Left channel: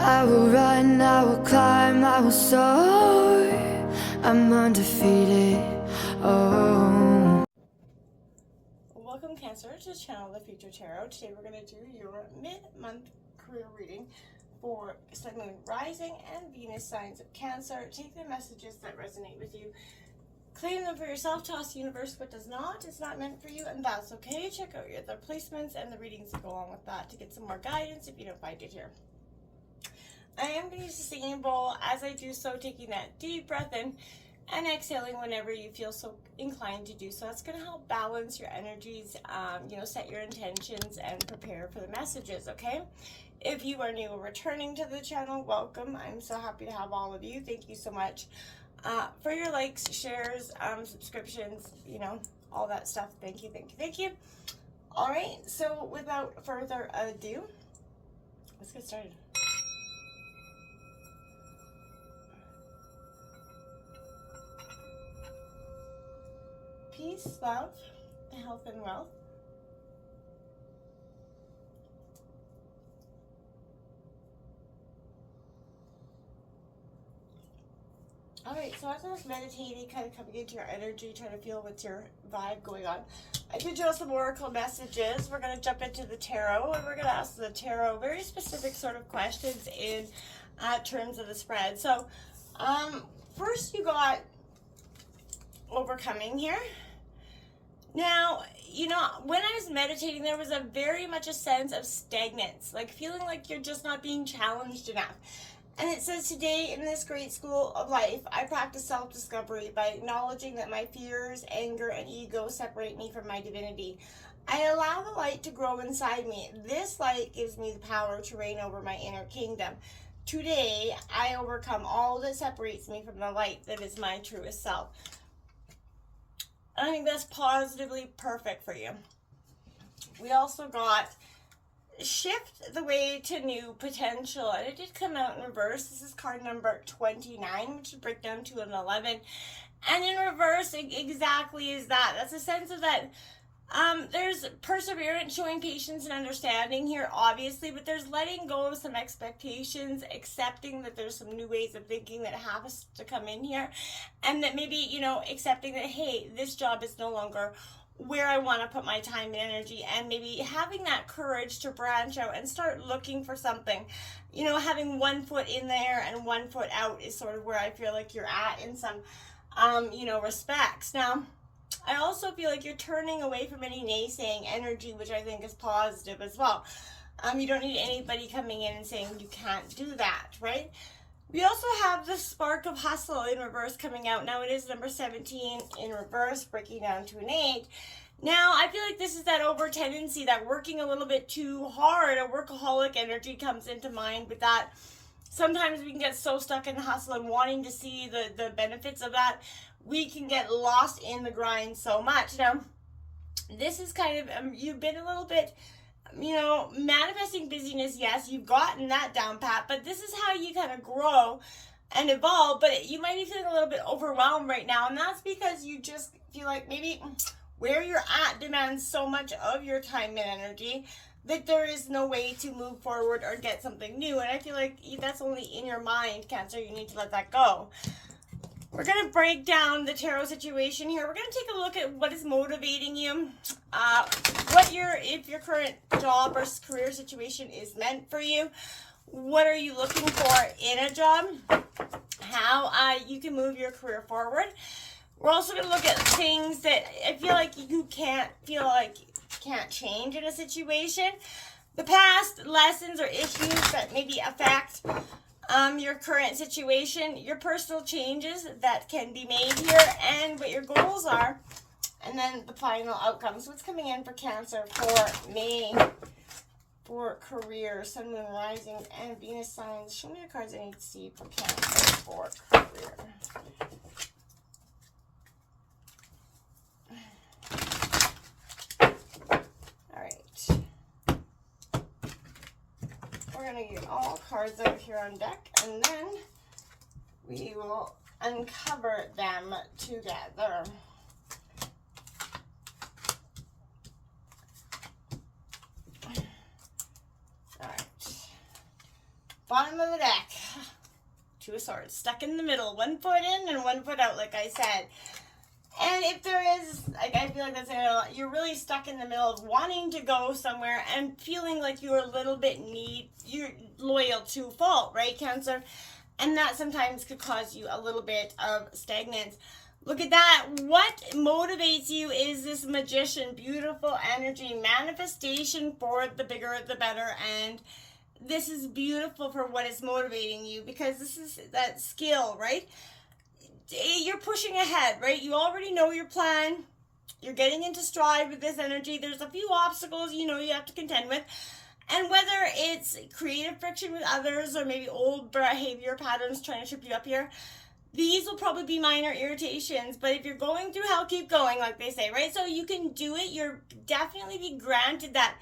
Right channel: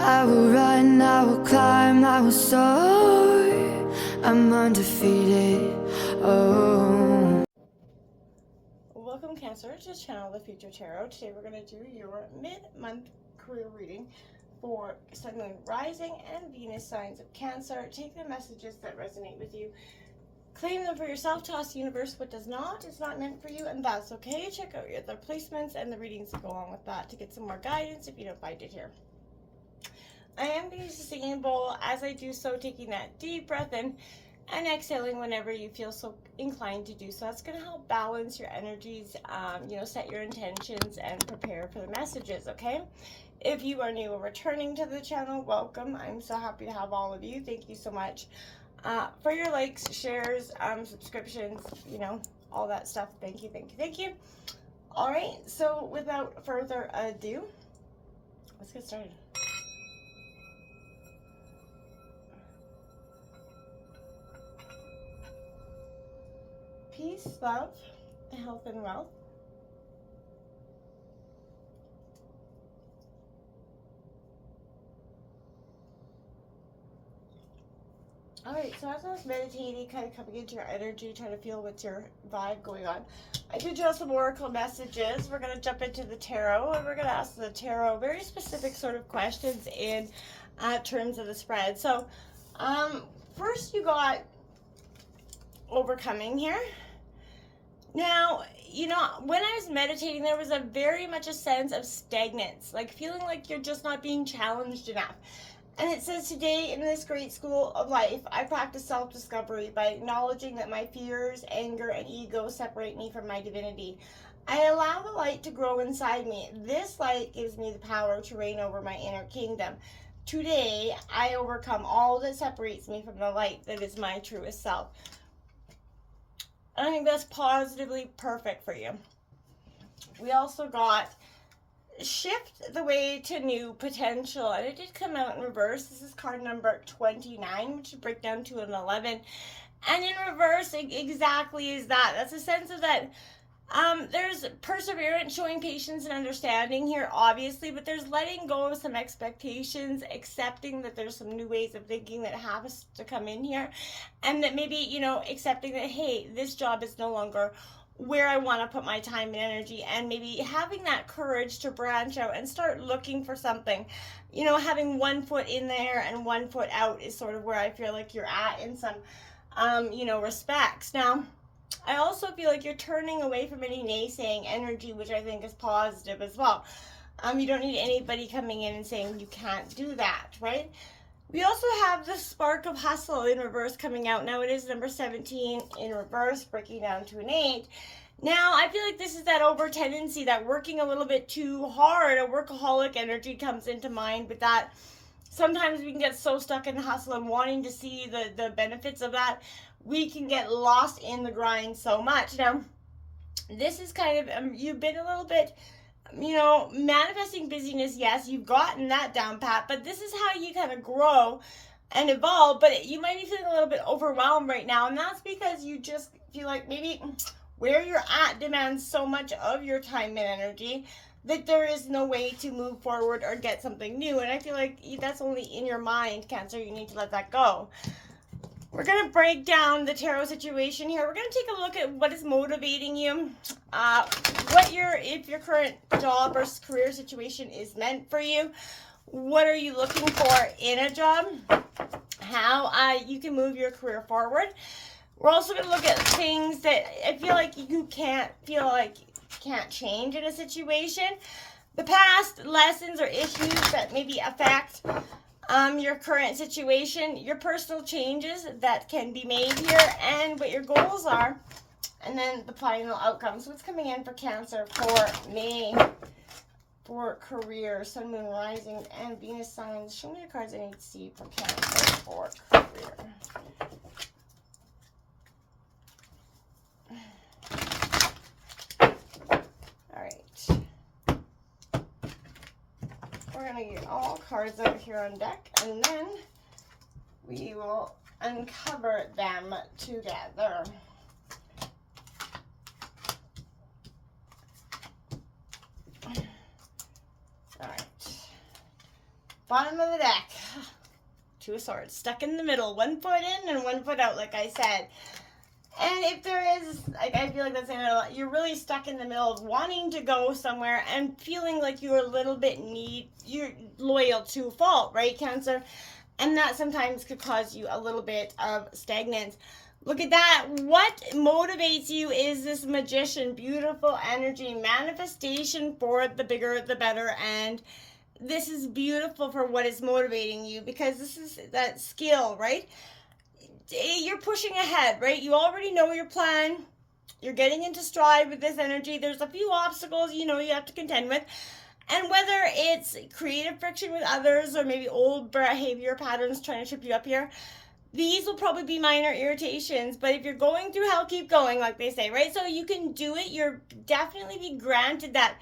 I will run, I will climb, I will soar. I'm undefeated. Oh. Welcome, Cancer, to the channel, The Future Tarot. Today we're going to do your mid-month career reading for Sun, Moon, Rising, and Venus signs of Cancer. Take the messages that resonate with you. Claim them for yourself. Toss the universe what does not. It's not meant for you, and that's okay. Check out your other placements and the readings that go along with that to get some more guidance if you don't find it here. I am going to use the singing bowl. As I do so, taking that deep breath in and exhaling whenever you feel so inclined to do so. That's going to help balance your energies, set your intentions and prepare for the messages, okay? If you are new or returning to the channel, welcome. I'm so happy to have all of you. Thank you so much for your likes, shares, subscriptions, all that stuff. Thank you, thank you, thank you. All right, so without further ado, let's get started. Peace, love, health, and wealth. All right, so as I was meditating, kind of coming into your energy, trying to feel what's your vibe going on, I did draw some oracle messages. We're going to jump into the tarot, and we're going to ask the tarot very specific sort of questions in terms of the spread. So, first you got overcoming here. Now, when I was meditating, there was very much a sense of stagnance, like feeling like you're just not being challenged enough. And it says, today in this great school of life, I practice self-discovery by acknowledging that my fears, anger, and ego separate me from my divinity. I allow the light to grow inside me. This light gives me the power to reign over my inner kingdom. Today, I overcome all that separates me from the light that is my truest self. I think that's positively perfect for you. We also got shift the way to new potential, and it did come out in reverse. This is card number 29, which would break down to an 11. And in reverse, exactly is that. That's a sense of that. There's perseverance, showing patience and understanding here, obviously, but there's letting go of some expectations, accepting that there's some new ways of thinking that have to come in here, and that maybe, accepting that, hey, this job is no longer where I want to put my time and energy, and maybe having that courage to branch out and start looking for something. Having one foot in there and one foot out is sort of where I feel like you're at in some, respects. Now, I also feel like you're turning away from any naysaying energy, which I think is positive as well. You don't need anybody coming in and saying you can't do that, right? We also have the spark of hustle in reverse coming out. Now it is number 17 in reverse, breaking down to an 8. Now, I feel like this is that over tendency, that working a little bit too hard, a workaholic energy comes into mind with that. Sometimes we can get so stuck in hustle and wanting to see the benefits of that, we can get lost in the grind so much. Now, this is kind of, you've been a little bit, manifesting busyness. Yes, you've gotten that down pat, but this is how you kind of grow and evolve. But you might be feeling a little bit overwhelmed right now, and that's because you just feel like maybe where you're at demands so much of your time and energy that there is no way to move forward or get something new. And I feel like that's only in your mind, Cancer. You need to let that go. We're going to break down the tarot situation here. We're going to take a look at what is motivating you, if your current job or career situation is meant for you. What are you looking for in a job? How you can move your career forward. We're also going to look at things that I feel like you can't change in a situation. The past lessons or issues that maybe affect your current situation, your personal changes that can be made here, and what your goals are, and then the final outcome. So what's coming in for Cancer for May for career, Sun, Moon, Rising, and Venus signs? Show me the cards I need to see for Cancer for career. All right. We're going to get all cards over here on deck, and then we will uncover them together. All right. bottom of the deck. Two of Swords, stuck in the middle, one foot in and one foot out, like I said. And if there is, like, I feel like that's you're really stuck in the middle of wanting to go somewhere and feeling like you're a little bit you're loyal to a fault, right, Cancer? And that sometimes could cause you a little bit of stagnance. Look at that. What motivates you is this Magician, beautiful energy, manifestation for the bigger, the better. And this is beautiful for what is motivating you, because this is that skill, right? You're pushing ahead, right? You already know your plan. You're getting into stride with this energy. There's a few obstacles you have to contend with. And whether it's creative friction with others or maybe old behavior patterns trying to trip you up here, these will probably be minor irritations. But if you're going through hell, keep going, like they say, right? So you can do it. You're definitely be granted that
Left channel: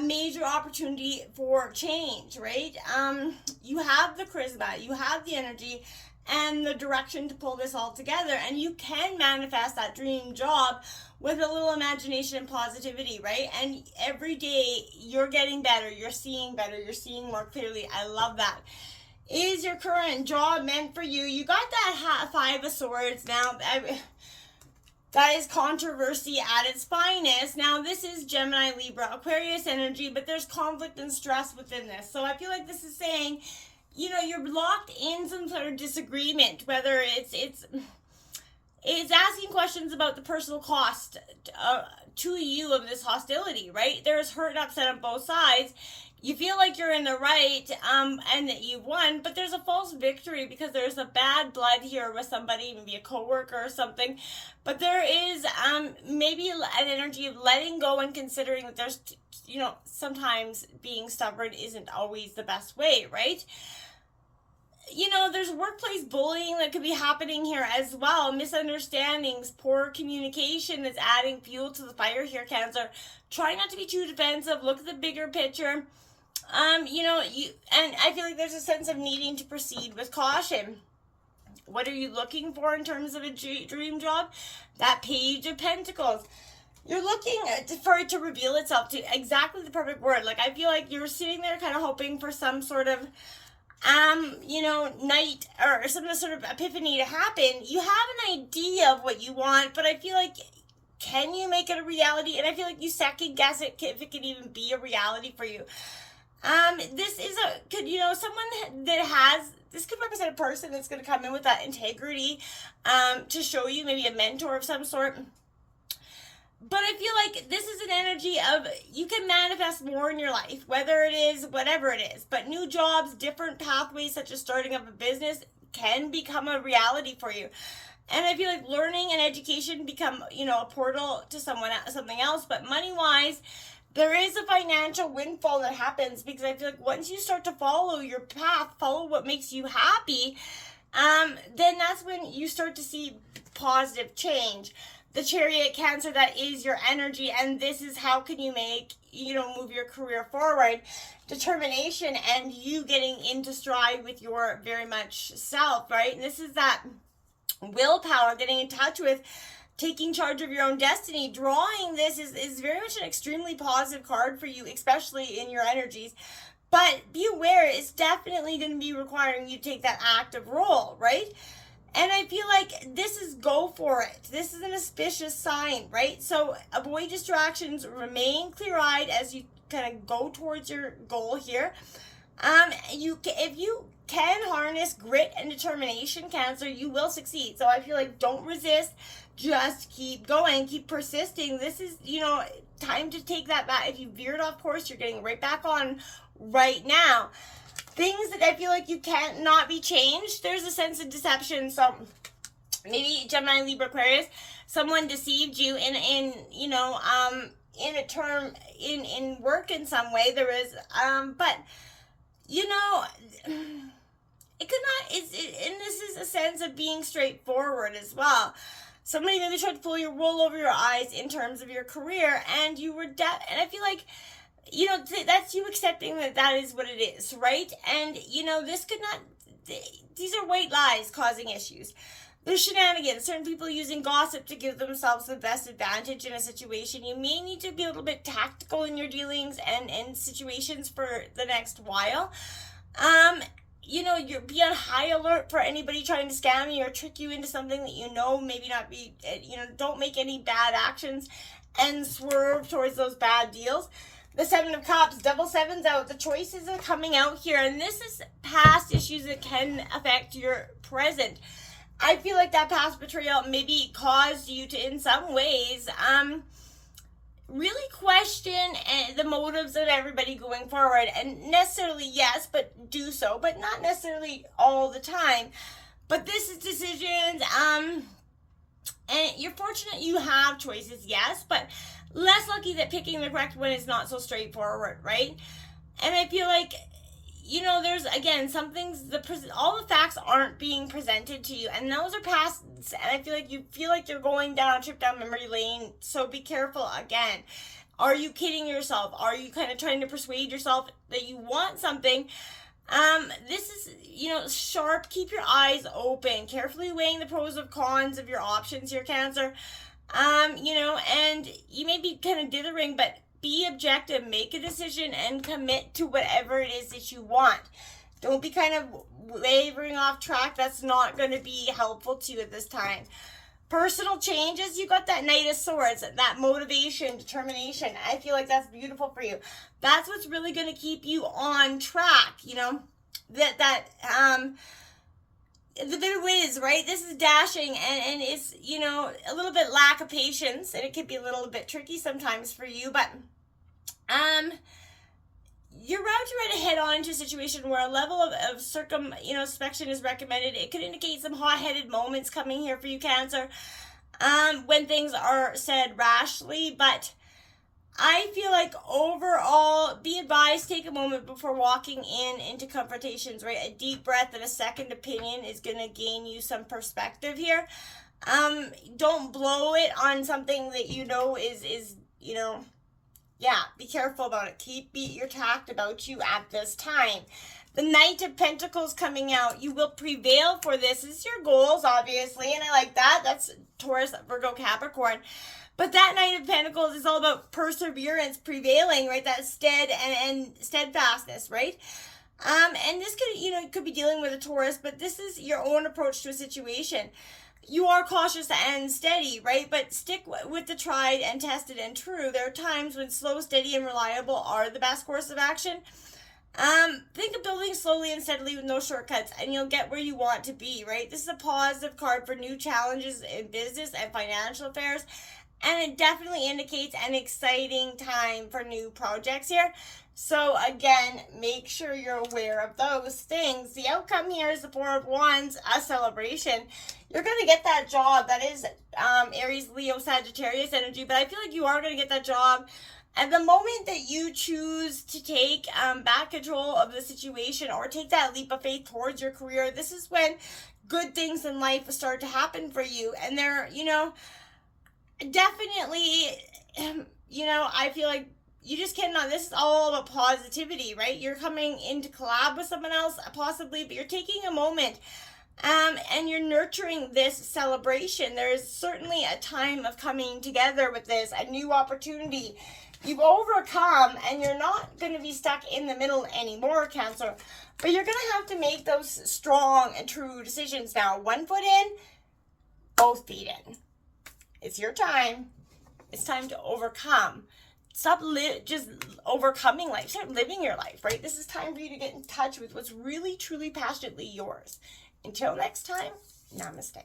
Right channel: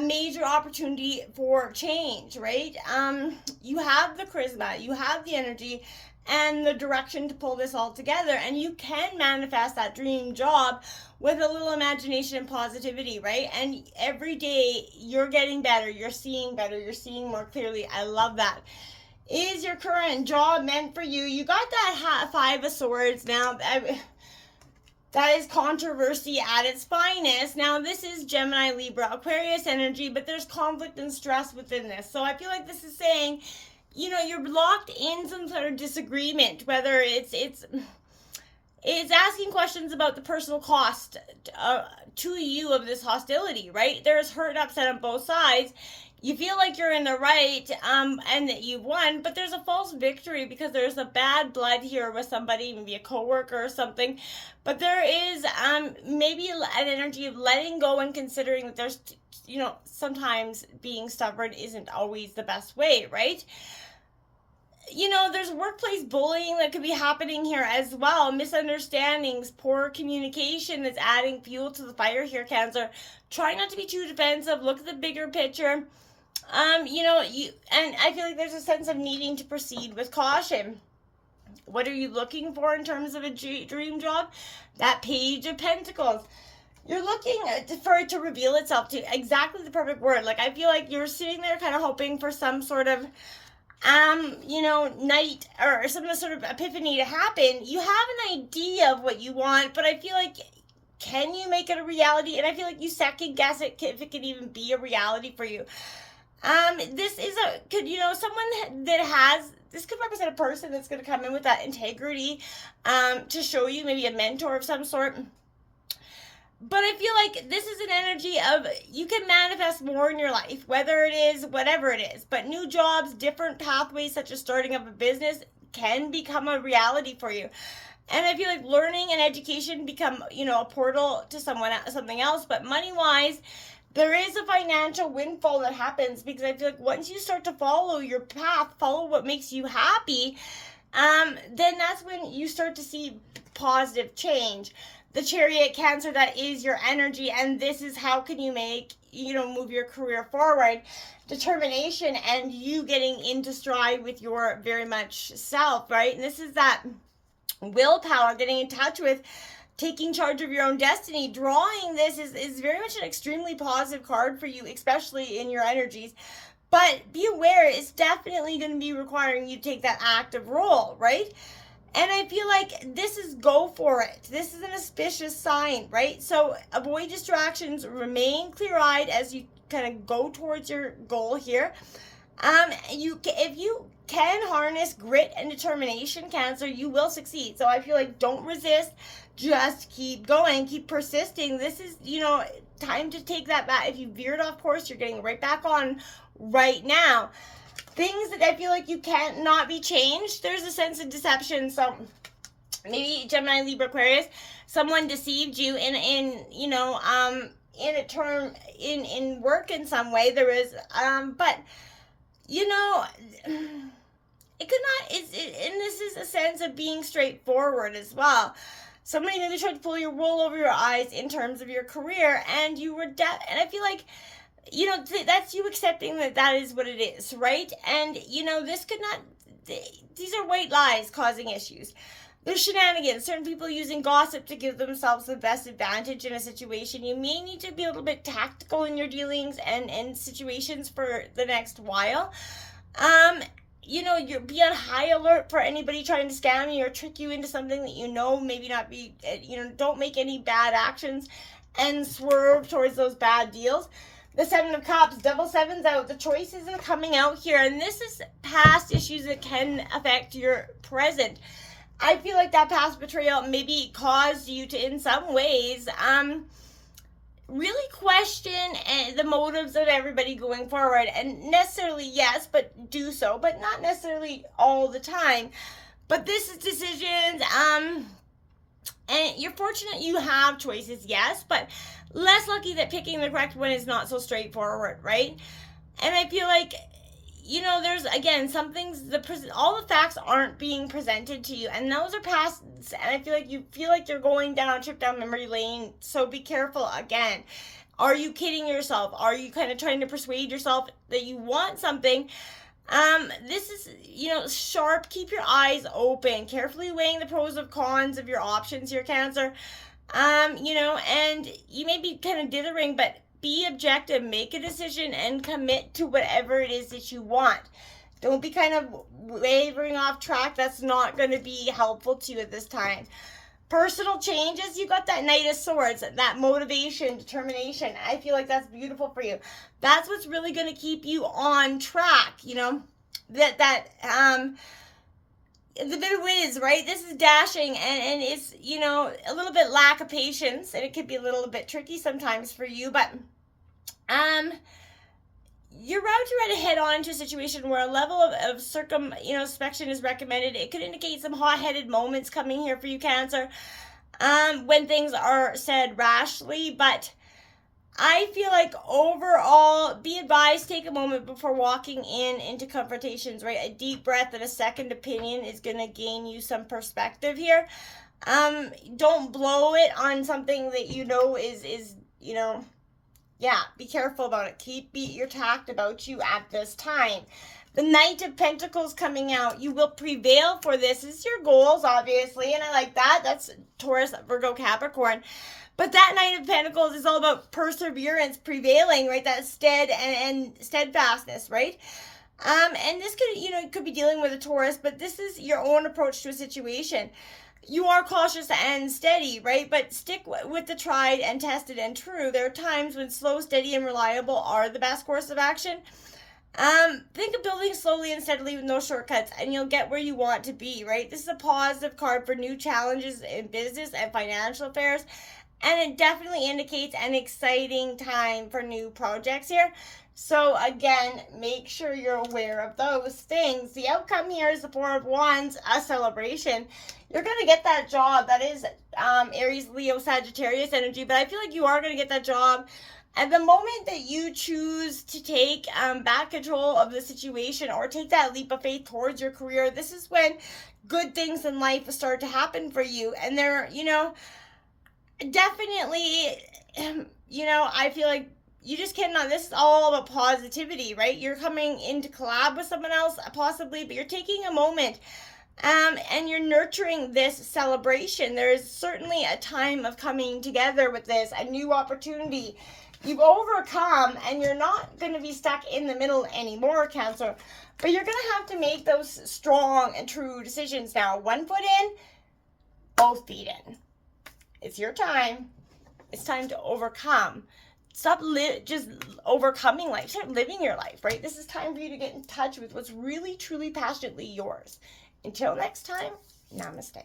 major opportunity for change, right? You have the charisma, you have the energy, and the direction to pull this all together, and you can manifest that dream job with a little imagination and positivity, right? And every day you're getting better, you're seeing better, you're seeing more clearly. I love that. Is your current job meant for you? You got that Five of Swords. Now that is controversy at its finest. Now this is Gemini, Libra, Aquarius energy, but there's conflict and stress within this. So I feel like this is saying, you're locked in some sort of disagreement, whether it's asking questions about the personal cost to you of this hostility, right? There's hurt and upset on both sides. You feel like you're in the right and that you've won, but there's a false victory because there's a bad blood here with somebody, maybe a coworker or something. But there is maybe an energy of letting go and considering that there's, sometimes being stubborn isn't always the best way, right? There's workplace bullying that could be happening here as well. Misunderstandings, poor communication that's adding fuel to the fire here, Cancer. Try not to be too defensive. Look at the bigger picture. And I feel like there's a sense of needing to proceed with caution. What are you looking for in terms of a dream job? That Page of Pentacles. You're looking for it to reveal itself to exactly the perfect word. Like, I feel like you're sitting there kind of hoping for some sort of night or some sort of epiphany to happen. You have an idea of what you want, but I feel like, can you make it a reality? And I feel like you second guess it if it can even be a reality for you. This is someone that this could represent a person that's going to come in with that integrity, to show you, maybe a mentor of some sort. But I feel like this is an energy of you can manifest more in your life, whether it is whatever it is. But new jobs, different pathways, such as starting up a business, can become a reality for you. And I feel like learning and education become, a portal to something else. But money-wise, there is a financial windfall that happens, because I feel like once you start to follow your path, follow what makes you happy, then that's when you start to see positive change. The Chariot, Cancer, that is your energy, and this is how can you make, move your career forward. Determination and you getting into stride with your very much self, right? And this is that willpower, getting in touch with taking charge of your own destiny. Drawing this is very much an extremely positive card for you, especially in your energies. But be aware, it's definitely going to be requiring you to take that active role, right? And I feel like this is go for it. This is an auspicious sign, right? So avoid distractions, remain clear-eyed as you kind of go towards your goal here. If you can harness grit and determination, Cancer, you will succeed. So I feel like don't resist. Just keep going, keep persisting. This is, time to take that back. If you veered off course, you're getting right back on right now. Things that I feel like you can't not be changed. There's a sense of deception. So maybe Gemini, Libra, Aquarius, someone deceived you in a term in work in some way. There is, but it could not. And this is a sense of being straightforward as well. Somebody maybe tried to pull your wool over your eyes in terms of your career, and you were and I feel like, that's you accepting that is what it is, right? And, this could not, these are white lies causing issues. There's shenanigans, certain people using gossip to give themselves the best advantage in a situation. You may need to be a little bit tactical in your dealings and situations for the next while. You're be on high alert for anybody trying to scam you or trick you into something that maybe not be, don't make any bad actions and swerve towards those bad deals. The Seven of Cups, double sevens out. The choices are coming out here, and this is past issues that can affect your present. I feel like that past betrayal maybe caused you to, in some ways, really question the motives of everybody going forward. And necessarily, yes, but do so, but not necessarily all the time. But this is decisions, and you're fortunate you have choices, yes, but less lucky that picking the correct one is not so straightforward, right? And I feel like, there's, again, some things, all the facts aren't being presented to you, and those are past, and I feel like you feel like you're going down a trip down memory lane, so be careful again. Are you kidding yourself? Are you kind of trying to persuade yourself that you want something? This is, sharp. Keep your eyes open, carefully weighing the pros and cons of your options here, Cancer. And you may be kind of dithering, but be objective, make a decision, and commit to whatever it is that you want. Don't be kind of wavering off track. That's not going to be helpful to you at this time. Personal changes, you got that Knight of Swords, that motivation, determination. I feel like that's beautiful for you. That's what's really going to keep you on track, the bit of whiz, right? This is dashing, and it's, a little bit lack of patience, and it could be a little bit tricky sometimes for you, but you're about to head on into a situation where a level of circumspection is recommended. It could indicate some hot-headed moments coming here for you, Cancer, when things are said rashly, but I feel like overall, be advised, take a moment before walking into confrontations, right? A deep breath and a second opinion is going to gain you some perspective here. Don't blow it on something that is be careful about it. Keep your tact about you at this time. The Knight of Pentacles coming out. You will prevail for this. This is your goals, obviously, and I like that. That's Taurus, Virgo, Capricorn. But that Knight of Pentacles is all about perseverance, prevailing, right? That and steadfastness, right? And this could be dealing with a Taurus, but this is your own approach to a situation. You are cautious and steady, right? But stick with the tried and tested and true. There are times when slow, steady, and reliable are the best course of action. Think of building slowly and steadily with no shortcuts, and you'll get where you want to be, right? This is a positive card for new challenges in business and financial affairs. And it definitely indicates an exciting time for new projects here. So again, make sure you're aware of those things. The outcome here is the Four of Wands, a celebration. You're going to get that job. That is Aries, Leo, Sagittarius energy. But I feel like you are going to get that job. At the moment that you choose to take back control of the situation or take that leap of faith towards your career, this is when good things in life start to happen for you. And they're, definitely, I feel like you just cannot, this is all about positivity, right? You're coming in to collab with someone else, possibly, but you're taking a moment, and you're nurturing this celebration. There is certainly a time of coming together with this, a new opportunity. You've overcome, and you're not going to be stuck in the middle anymore, Cancer, but you're going to have to make those strong and true decisions now. One foot in, both feet in. It's your time. It's time to overcome. Stop just overcoming life. Start living your life, right? This is time for you to get in touch with what's really, truly, passionately yours. Until next time, namaste.